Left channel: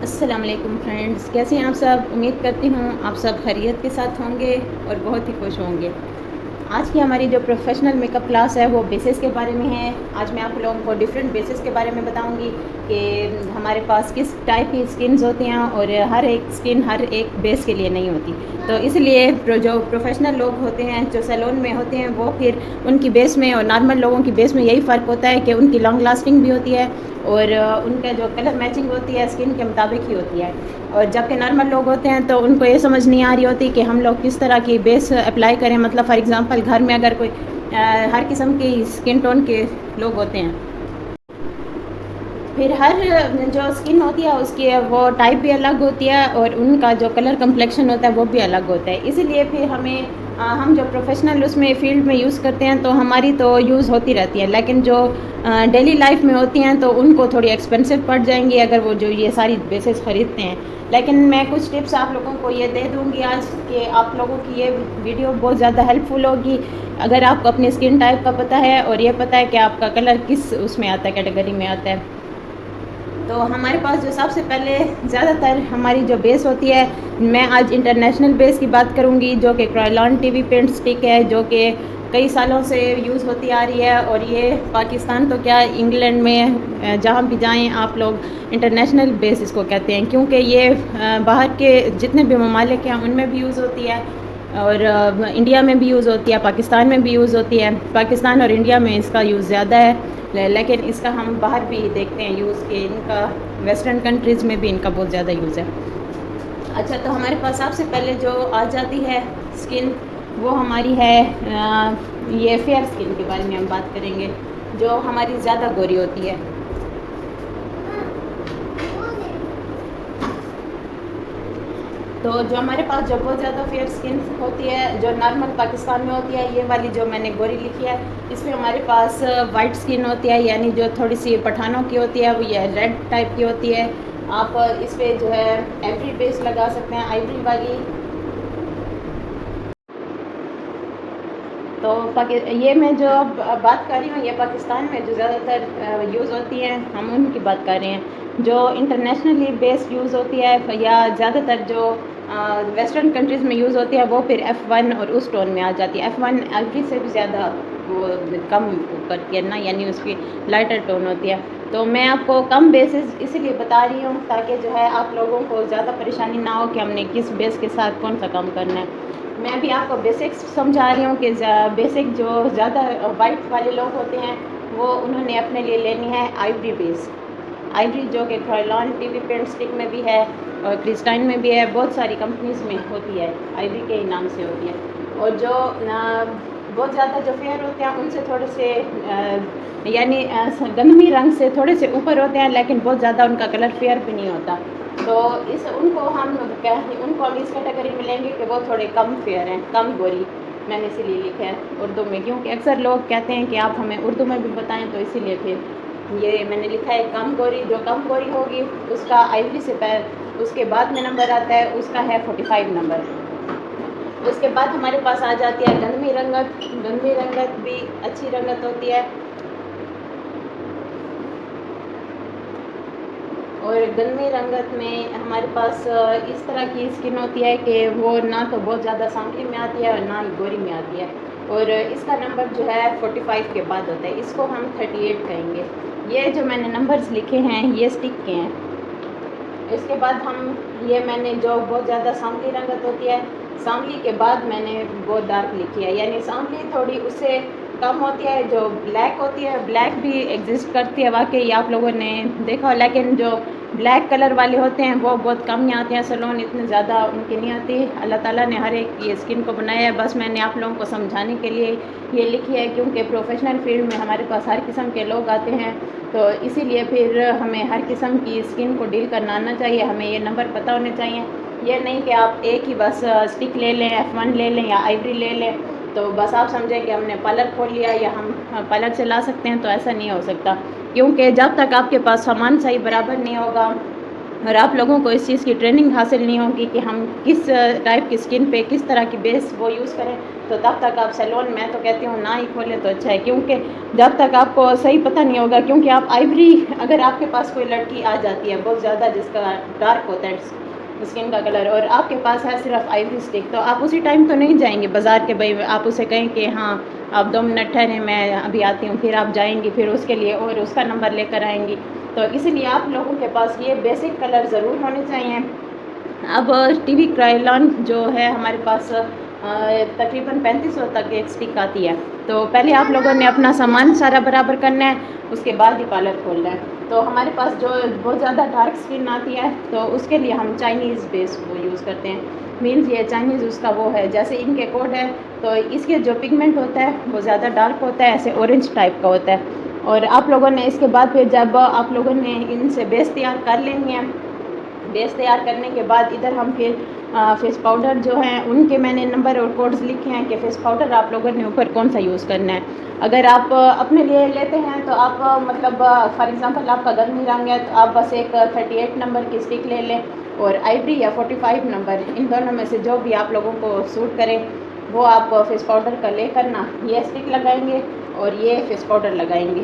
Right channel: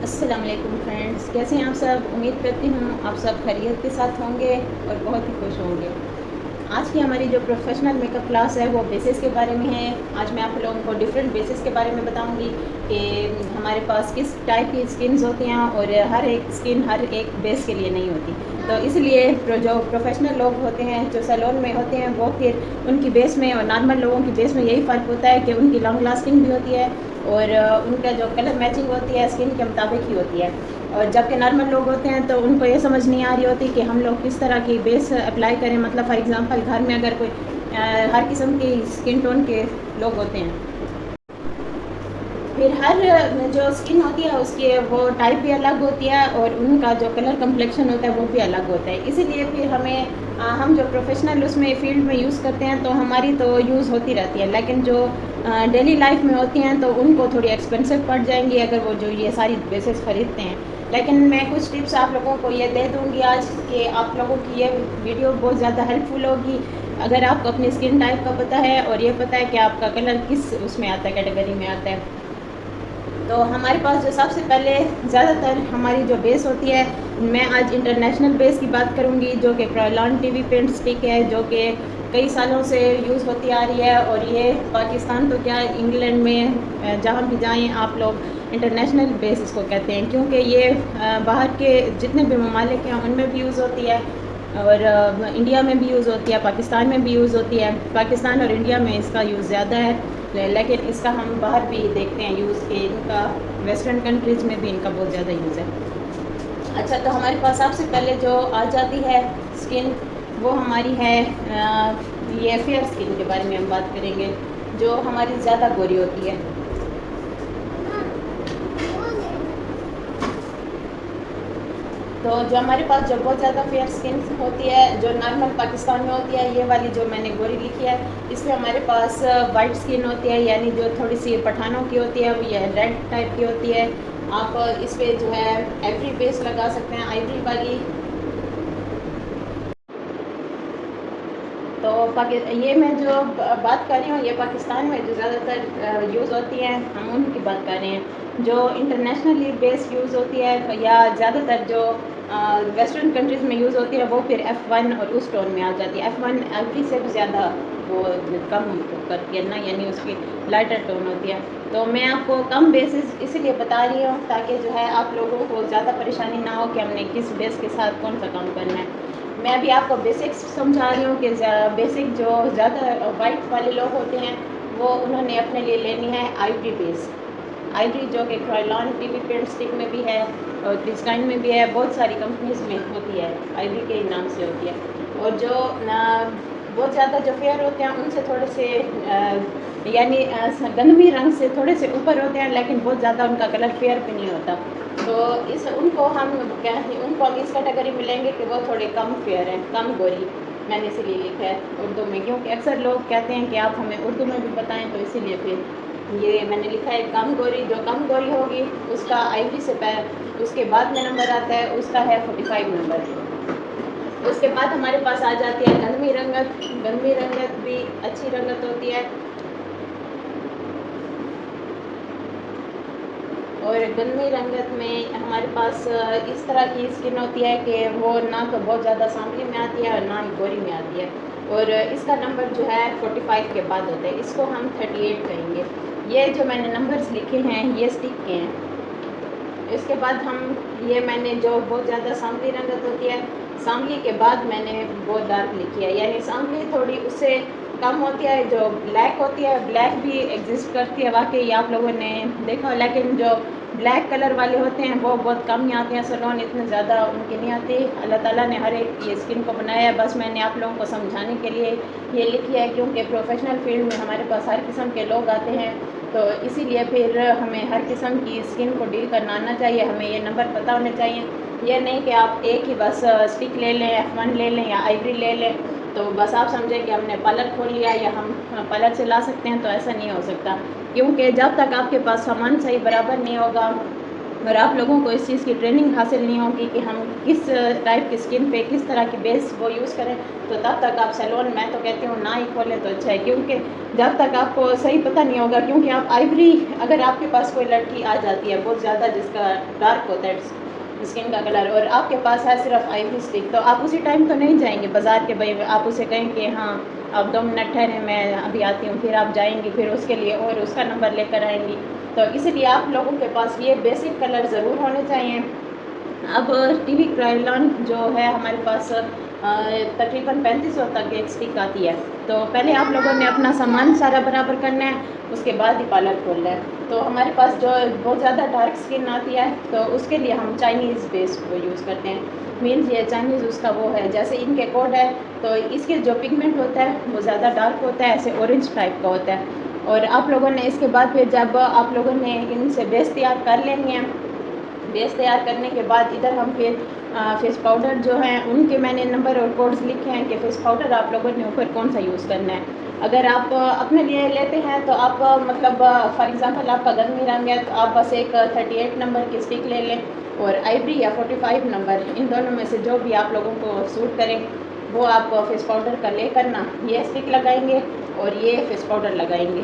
السلام علیکم فرینڈز، کیسے ہیں آپ سب؟ امید کرتی ہوں آپ سب خیریت کے ساتھ ہوں گے اور بہت ہی خوش ہوں گے۔ آج کی ہماری جو پروفیشنل میک اپ کلاس ہے وہ بیسس کے بارے میں ہے۔ آج میں آپ لوگوں کو ڈفرینٹ بیسس کے بارے میں بتاؤں گی کہ ہمارے پاس کس ٹائپ کی اسکنز ہوتی ہیں اور ہر ایک اسکن ہر ایک بیس کے لیے نہیں ہوتی، تو اس لیے جو پروفیشنل لوگ ہوتے ہیں جو سیلون میں ہوتے ہیں وہ پھر ان کی بیس میں اور نارمل لوگوں کی بیس میں یہی فرق ہوتا ہے کہ ان کی لانگ لاسٹنگ بھی ہوتی ہے اور ان کا جو کلر میچنگ ہوتی ہے اسکن کے مطابق ہی ہوتی ہے، اور جبکہ نارمل لوگ ہوتے ہیں تو ان کو یہ سمجھ نہیں آ رہی ہوتی کہ ہم لوگ کس طرح کی بیس اپلائی کریں۔ مطلب فار ایگزامپل گھر میں اگر کوئی ہر قسم کی اسکن ٹون کے لوگ ہوتے ہیں، پھر ہر جو اسکن ہوتی ہے اس کی وہ ٹائپ بھی الگ ہوتی ہے اور ان کا جو کلر کمپلیکشن ہوتا ہے وہ بھی الگ ہوتا ہے۔ اسی لیے پھر ہم جو پروفیشنل اس میں فیلڈ میں یوز کرتے ہیں تو ہماری تو یوز ہوتی رہتی ہے، لیکن جو ڈیلی لائف میں ہوتی ہیں تو ان کو تھوڑی ایکسپینسو پڑ جائیں گی اگر وہ جو یہ ساری بیسز خریدتے ہیں۔ لیکن میں کچھ ٹپس آپ لوگوں کو یہ دے دوں گی آج کہ آپ لوگوں کی یہ ویڈیو بہت زیادہ ہیلپ فل ہوگی اگر آپ کو اپنی اسکن ٹائپ کا پتہ ہے اور یہ پتہ ہے کہ آپ کا کلر کس اس میں آتا ہے، کیٹیگری میں آتا ہے۔ تو ہمارے پاس جو سب سے پہلے زیادہ تر ہماری جو بیس ہوتی ہے، میں آج انٹرنیشنل بیس کی بات کروں گی جو کہ کرائلان ٹی وی پینٹ اسٹک ہے، جو کہ کئی سالوں سے یوز ہوتی آ رہی ہے، اور یہ پاکستان تو کیا انگلینڈ میں جہاں بھی جائیں آپ لوگ انٹرنیشنل بیس اس کو کہتے ہیں، کیونکہ یہ باہر کے جتنے بھی ممالک ہیں ان میں بھی یوز ہوتی ہے اور انڈیا میں بھی یوز ہوتی ہے، پاکستان میں بھی یوز ہوتی ہے۔ پاکستان اور انڈیا میں اس کا یوز زیادہ ہے، لیکن اس کا ہم باہر بھی دیکھتے ہیں یوز کہ ان کا ویسٹرن کنٹریز میں بھی ان کا بہت زیادہ یوز ہے۔ اچھا، تو ہمارے پاس سب سے پہلے جو آ جاتی ہے اسکن وہ ہماری ہے یہ فیئر اسکن کے بارے میں ہم بات کریں گے، جو ہماری زیادہ گوری ہوتی ہے۔ تو جو ہمارے پاس جو بہت زیادہ فیئر اسکن ہوتی ہے جو نارمل پاکستان میں ہوتی ہے، یہ والی جو میں نے گوری لکھی ہے اس میں ہمارے پاس وائٹ اسکن ہوتی ہے، یعنی جو تھوڑی سی پٹھانوں کی ہوتی ہے وہ یہ ریڈ ٹائپ کی ہوتی ہے۔ آپ اس پہ جو ہے ایوری بیس لگا سکتے ہیں، آئیوری والی۔ تو یہ میں جو بات کر رہی ہوں یہ پاکستان میں جو زیادہ تر یوز ہوتی ہیں ہم ان کی بات کر رہے ہیں۔ جو انٹرنیشنلی بیس یوز ہوتی ہے یا زیادہ تر جو ویسٹرن کنٹریز میں یوز ہوتی ہے وہ پھر F1 اور اس ٹون میں آ جاتی ہے۔ F1 ایوری سے بھی زیادہ وہ کم کرتی ہے نا، یعنی اس کی لائٹر ٹون ہوتی ہے۔ تو میں آپ کو کم بیسز اسی لیے بتا رہی ہوں تاکہ جو ہے آپ لوگوں کو زیادہ پریشانی نہ ہو کہ ہم نے کس بیس کے ساتھ کون سا کام کرنا ہے۔ میں بھی آپ کو بیسکس سمجھا رہی ہوں کہ بیسک جو زیادہ وائٹ والے لوگ ہوتے ہیں وہ انہوں نے اپنے لیے لینی ہے آئیوری بیس، آئیوری جو کہ کرائلان ٹی وی پینٹ اسٹک میں بھی ہے اور کرسٹائن میں بھی ہے، بہت ساری کمپنیز میں ہوتی ہے، آئیوری کے نام سے ہوتی ہے۔ اور جو بہت زیادہ جو فیئر ہوتے ہیں ان سے تھوڑے سے یعنی گندمی رنگ سے تھوڑے سے اوپر ہوتے ہیں، لیکن بہت زیادہ ان کا کلر فیئر بھی نہیں ہوتا، تو ان کو ہم اس کیٹیگری میں لیں گے کہ وہ تھوڑے کم فیئر ہیں، کم گوری۔ میں نے اسی لیے لکھا ہے اردو میں، کیونکہ اکثر لوگ کہتے ہیں کہ آپ ہمیں اردو میں بھی بتائیں، تو اسی لیے پھر یہ میں نے لکھا ہے کم گوری۔ جو کم گوری ہوگی اس کا آئیوری سے اس کے بعد میں نمبر آتا ہے، اس کا ہے 45 نمبر۔ اس کے بعد ہمارے پاس آ جاتی ہے گندمی رنگت۔ گندمی رنگت بھی اچھی رنگت ہوتی ہے، اور گندمی رنگت میں ہمارے پاس اس طرح کی اسکن ہوتی ہے کہ وہ نہ تو بہت زیادہ سانولی میں آتی ہے اور نہ ہی گوری میں آتی ہے، اور اس کا نمبر جو ہے 45 کے بعد ہوتا ہے، اس کو ہم 38 کہیں گے۔ یہ جو میں نے نمبرز لکھے ہیں یہ اسٹک کے ہیں۔ اس کے بعد یہ میں نے جو بہت زیادہ سانولی رنگت ہوتی ہے، سانولی کے بعد میں نے بہت ڈارک لکھی ہے، یعنی سانولی تھوڑی اس سے کم ہوتی ہے۔ جو بلیک ہوتی ہے، بلیک بھی ایگزسٹ کرتی ہے واقعی، آپ لوگوں نے دیکھا، لیکن جو بلیک کلر والے ہوتے ہیں وہ بہت کم ہی آتے ہیں، سلون اتنے زیادہ ان کی نہیں آتی۔ اللہ تعالیٰ نے ہر ایک یہ اسکن کو بنایا ہے، بس میں نے آپ لوگوں کو سمجھانے کے لیے یہ لکھی ہے، کیونکہ پروفیشنل فیلڈ میں ہمارے پاس ہر قسم کے لوگ آتے ہیں، تو اسی لیے پھر ہمیں ہر قسم کی اسکن کو ڈیل کرنا آنا چاہیے، ہمیں یہ نمبر پتہ ہونے چاہیے۔ یہ نہیں کہ آپ ایک ہی بس اسٹک لے لیں، F1 لے لیں یا آئیوری لے لیں تو بس آپ سمجھیں کہ ہم نے پارلر کھول لیا یا ہم پارلر سے لا سکتے ہیں، تو ایسا نہیں ہو سکتا، کیونکہ جب تک آپ کے پاس سامان صحیح برابر نہیں ہوگا اور آپ لوگوں کو اس چیز کی ٹریننگ حاصل نہیں ہوگی کہ ہم کس ٹائپ کی اسکن پہ کس طرح کی بیس وہ یوز کریں، تو تب تک آپ سیلون میں تو کہتی ہوں نہ ہی کھولیں تو اچھا ہے، کیونکہ جب تک آپ کو صحیح پتہ نہیں ہوگا، کیونکہ آپ آئیوری اگر آپ کے پاس کوئی لڑکی آ جاتی ہے بہت زیادہ جس کا ڈارک ہوتا ہے اسکن کا کلر، اور آپ کے پاس ہے صرف آئیوری اسٹک، تو آپ اسی ٹائم تو نہیں جائیں گے بازار کے بھائی آپ اسے کہیں کہ ہاں آپ 2 منٹ ٹھہریں میں ابھی آتی ہوں، پھر آپ جائیں گی پھر اس کے لیے اور اس کا نمبر لے کر آئیں گی، تو اسی لیے آپ لوگوں کے پاس یہ بیسک کلر ضرور ہونے چاہیے۔ اب ٹی وی کرائلان جو ہے ہمارے پاس تقریباً 3500 تک ایک اسٹک آتی ہے، تو پہلے آپ لوگوں نے اپنا سامان سارا برابر کرنا ہے، اس کے بعد ہی پارلر کھولنا ہے، تو ہمارے پاس جو بہت زیادہ ڈارک اسکن آتی ہے تو اس کے لیے ہم چائنیز بیس کو یوز کرتے ہیں، مینز یہ چائنیز اس کا وہ ہے جیسے ان کے کوڈ ہے، تو اس کے جو پگمنٹ ہوتا ہے وہ زیادہ ڈارک ہوتا ہے، ایسے اورنج ٹائپ کا ہوتا ہے، اور آپ لوگوں نے اس کے بعد پھر جب آپ لوگوں نے ان سے بیس تیار کر لینی ہے، بیس تیار کرنے کے بعد ادھر ہم پھر فیس پاؤڈر جو ہیں ان کے میں نے نمبر اور کوڈز لکھے ہیں کہ فیس پاؤڈر آپ لوگوں نے اوپر کون سا یوز کرنا ہے، اگر آپ اپنے لیے لیتے ہیں تو آپ مطلب فار ایگزامپل آپ کا گرمی رنگ ہے تو آپ بس ایک 38 نمبر کی اسٹک لے لیں، اور آئیوری یا 45 نمبر ان دونوں میں سے جو بھی آپ لوگوں کو سوٹ کرے وہ آپ فیس پاؤڈر کا لے کر نا یہ اسٹک لگائیں گے اور یہ فیس پاؤڈر لگائیں گے،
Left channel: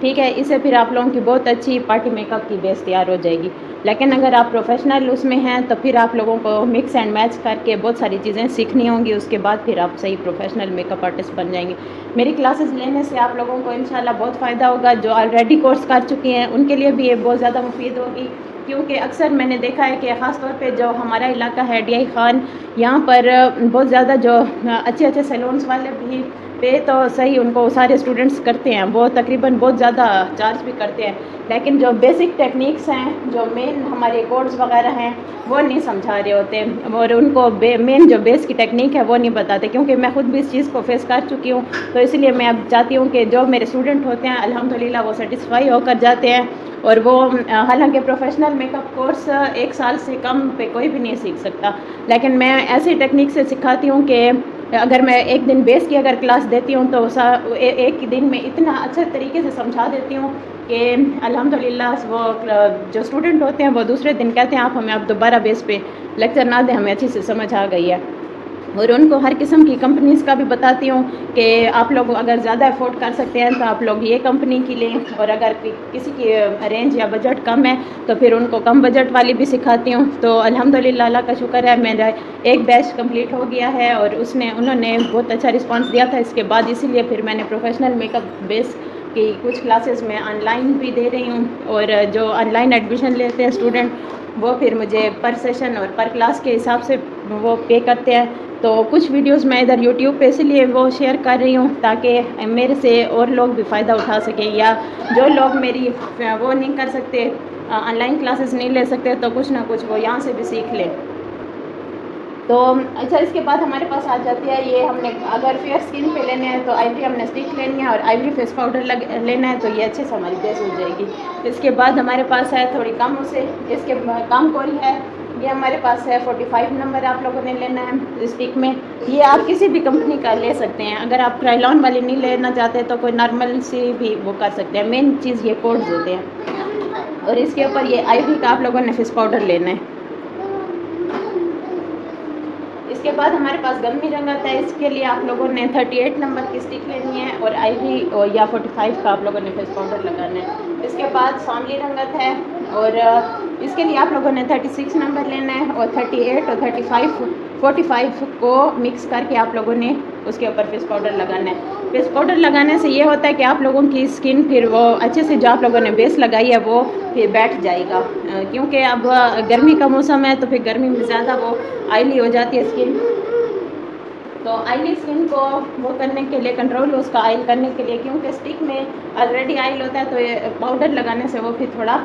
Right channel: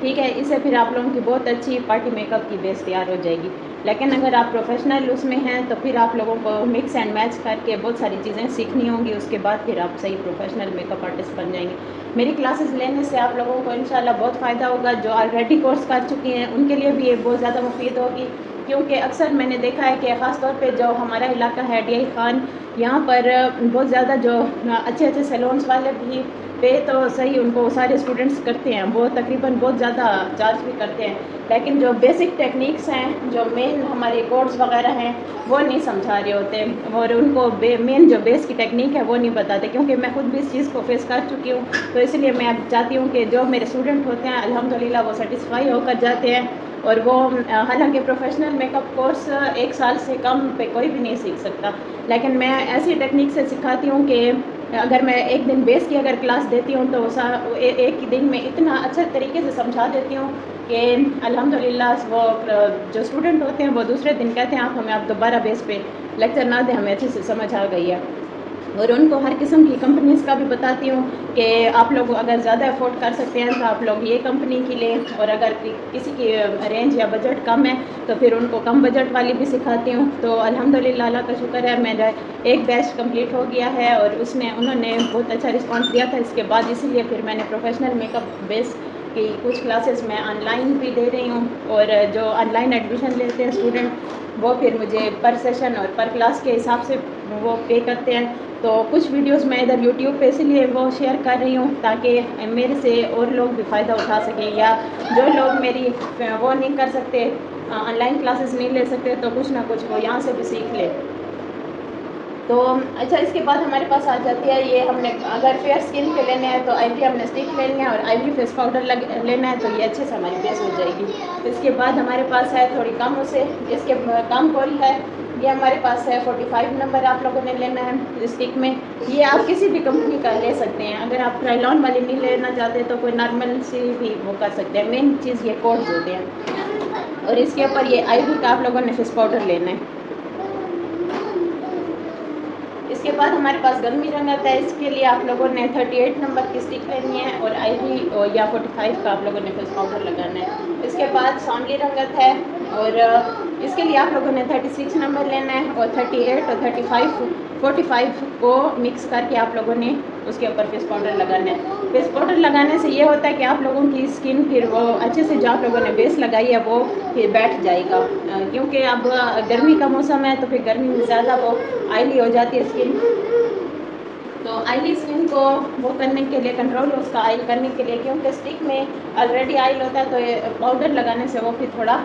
ٹھیک ہے، اس سے پھر آپ لوگوں کی بہت اچھی پارٹی میک اپ کی بیس تیار ہو جائے گی، لیکن اگر آپ پروفیشنل اس میں ہیں تو پھر آپ لوگوں کو مکس اینڈ میچ کر کے بہت ساری چیزیں سیکھنی ہوں گی، اس کے بعد پھر آپ صحیح پروفیشنل میک اپ آرٹسٹ بن جائیں گے۔ میری کلاسز لینے سے آپ لوگوں کو انشاءاللہ بہت فائدہ ہوگا، جو آلریڈی کورس کر چکی ہیں ان کے لیے بھی یہ بہت زیادہ مفید ہوگی، کیونکہ اکثر میں نے دیکھا ہے کہ خاص طور پہ جو ہمارا علاقہ ہے ڈی آئی خان، یہاں پر بہت زیادہ جو اچھے سیلونس والے بھی پے تو صحیح ان کو سارے اسٹوڈنٹس کرتے ہیں، وہ تقریباً بہت زیادہ چارج بھی کرتے ہیں، لیکن جو بیسک ٹیکنیکس ہیں جو مین ہمارے کوڈز وغیرہ ہیں وہ نہیں سمجھا رہے ہوتے، اور ان کو مین جو بیس کی ٹیکنیک ہے وہ نہیں بتاتے، کیونکہ میں خود بھی اس چیز کو فیس کر چکی ہوں، تو اس لیے میں اب چاہتی ہوں کہ جو میرے اسٹوڈنٹ ہوتے ہیں الحمدللہ وہ سیٹسفائی ہو کر جاتے ہیں، اور وہ حالانکہ پروفیشنل میک اپ کورس 1 سال سے کم پہ کوئی بھی نہیں سیکھ سکتا، لیکن میں ایسی ٹیکنیک سے سکھاتی ہوں کہ اگر میں ایک دن بیس کی اگر کلاس دیتی ہوں تو ایک ہی دن میں اتنا اچھے طریقے سے سمجھا دیتی ہوں کہ الحمدللہ وہ جو اسٹوڈنٹ ہوتے ہیں وہ دوسرے دن کہتے ہیں آپ ہمیں آپ دوبارہ بیس پہ لیکچر نہ دیں، ہمیں اچھے سے سمجھ آ گئی ہے، اور ان کو ہر قسم کی کمپنیز کا بھی بتاتی ہوں کہ آپ لوگ اگر زیادہ افورڈ کر سکتے ہیں تو آپ لوگ یہ کمپنی کی لیں، اور اگر کسی کی رینج یا بجٹ کم ہے تو پھر ان کو کم بجٹ والی بھی سکھاتی ہوں، تو الحمدللہ اللہ کا شکر ہے میرا ایک بیچ کمپلیٹ ہو گیا ہے، اور انہوں نے بہت اچھا رسپانس دیا تھا اس کے بعد، اسی لیے پھر میں نے پروفیشنل میک اپ بیس کی کچھ کلاسز میں آن لائن بھی دے رہی ہوں، اور جو آن لائن ایڈمیشن لیتے ہیں اسٹوڈنٹ وہ پھر مجھے پر سیشن اور پر کلاس کے حساب سے وہ پے کرتے ہیں، تو کچھ ویڈیوز میں ادھر یوٹیوب پہ اسی لیے وہ شیئر کر رہی ہوں تاکہ میرے سے اور لوگ بھی فائدہ اٹھا سکیں، یا جو لوگ میری وہ نہیں کر سکتے آن لائن کلاسز نہیں لے سکتے تو کچھ نہ کچھ وہ یہاں سے بھی سیکھ لیں۔ تو اچھا اس کے بعد ہمارے پاس آ جاتی ہے یہ ہم نے اگر فیئر اسکن پہ لینے ہیں تو آئیوری ہم نے اسٹک لینی ہے اور آئیوری فیس پاؤڈر لینا ہے، تو یہ اچھے سے ہماری بیس ہو جائے گی۔ اس کے بعد ہمارے پاس ہے تھوڑی کم اسے اس کے کم کوئی ہے، یہ ہمارے پاس ہے 45 نمبر آپ لوگوں نے لینا ہے اسٹک میں، یہ آپ کسی بھی کمپنی کا لے سکتے ہیں، اگر آپ کرائلون والی نہیں لینا چاہتے تو کوئی نارمل سی بھی وہ کر سکتے ہیں، مین چیز یہ کوڈز ہوتے ہیں، اور اس کے اوپر یہ آئیوری کا آپ لوگوں نے فیس پاؤڈر لینا ہے۔ اس کے بعد ہمارے پاس گرمی رنگ آتا ہے، اس کے لیے آپ لوگوں نے 38 نمبر کی اسٹک لینی ہے اور آئیوری یا 45 کا آپ لوگوں نے فیس پاؤڈر لگانا ہے۔ اس کے بعد سانولی رنگت ہے، اور اس کے لیے آپ لوگوں نے 36 نمبر لینا ہے، اور 38 اور 45 کو مکس کر کے آپ لوگوں نے اس کے اوپر فیس پاؤڈر لگانا ہے۔ فیس پاؤڈر لگانے سے یہ ہوتا ہے کہ آپ لوگوں کی اسکن پھر وہ اچھے سے جو آپ لوگوں نے بیس لگائی ہے وہ پھر بیٹھ جائے گا، کیونکہ اب گرمی کا موسم ہے تو پھر گرمی میں زیادہ وہ آئلی ہو جاتی ہے اسکن، تو آئلی اسکن کو وہ کرنے کے لیے کنٹرول اس کا آئل کرنے کے لیے، کیونکہ اسٹک میں آلریڈی آئل ہوتا ہے تو یہ پاؤڈر لگانے سے وہ پھر تھوڑا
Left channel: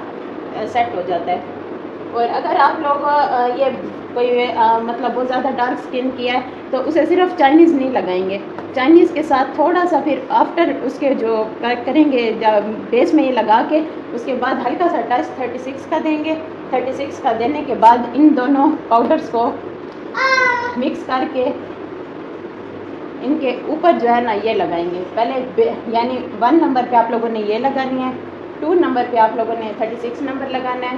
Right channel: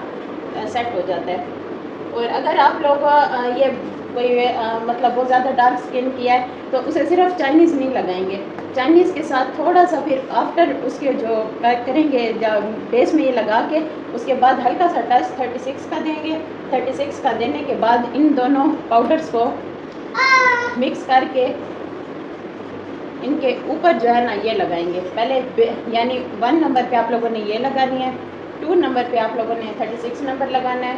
سیٹ ہو جاتا ہے۔ اور اگر آپ لوگ یہ کوئی مطلب بہت زیادہ ڈارک اسکن کیا ہے تو اسے صرف چائنیز نہیں لگائیں گے، چائنیز کے ساتھ تھوڑا سا پھر آفٹر اس کے جو کریں گے بیس میں یہ لگا کے اس کے بعد ہلکا سا ٹچ 36 کا دیں گے، 36 کا دینے کے بعد ان دونوں پاؤڈرز کو مکس کر کے ان کے اوپر جو ہے نا یہ لگائیں گے، پہلے یعنی 1 نمبر پہ آپ لوگوں نے یہ لگانی ہے، 2 نمبر پہ آپ لوگوں نے 36 نمبر لگانا ہے،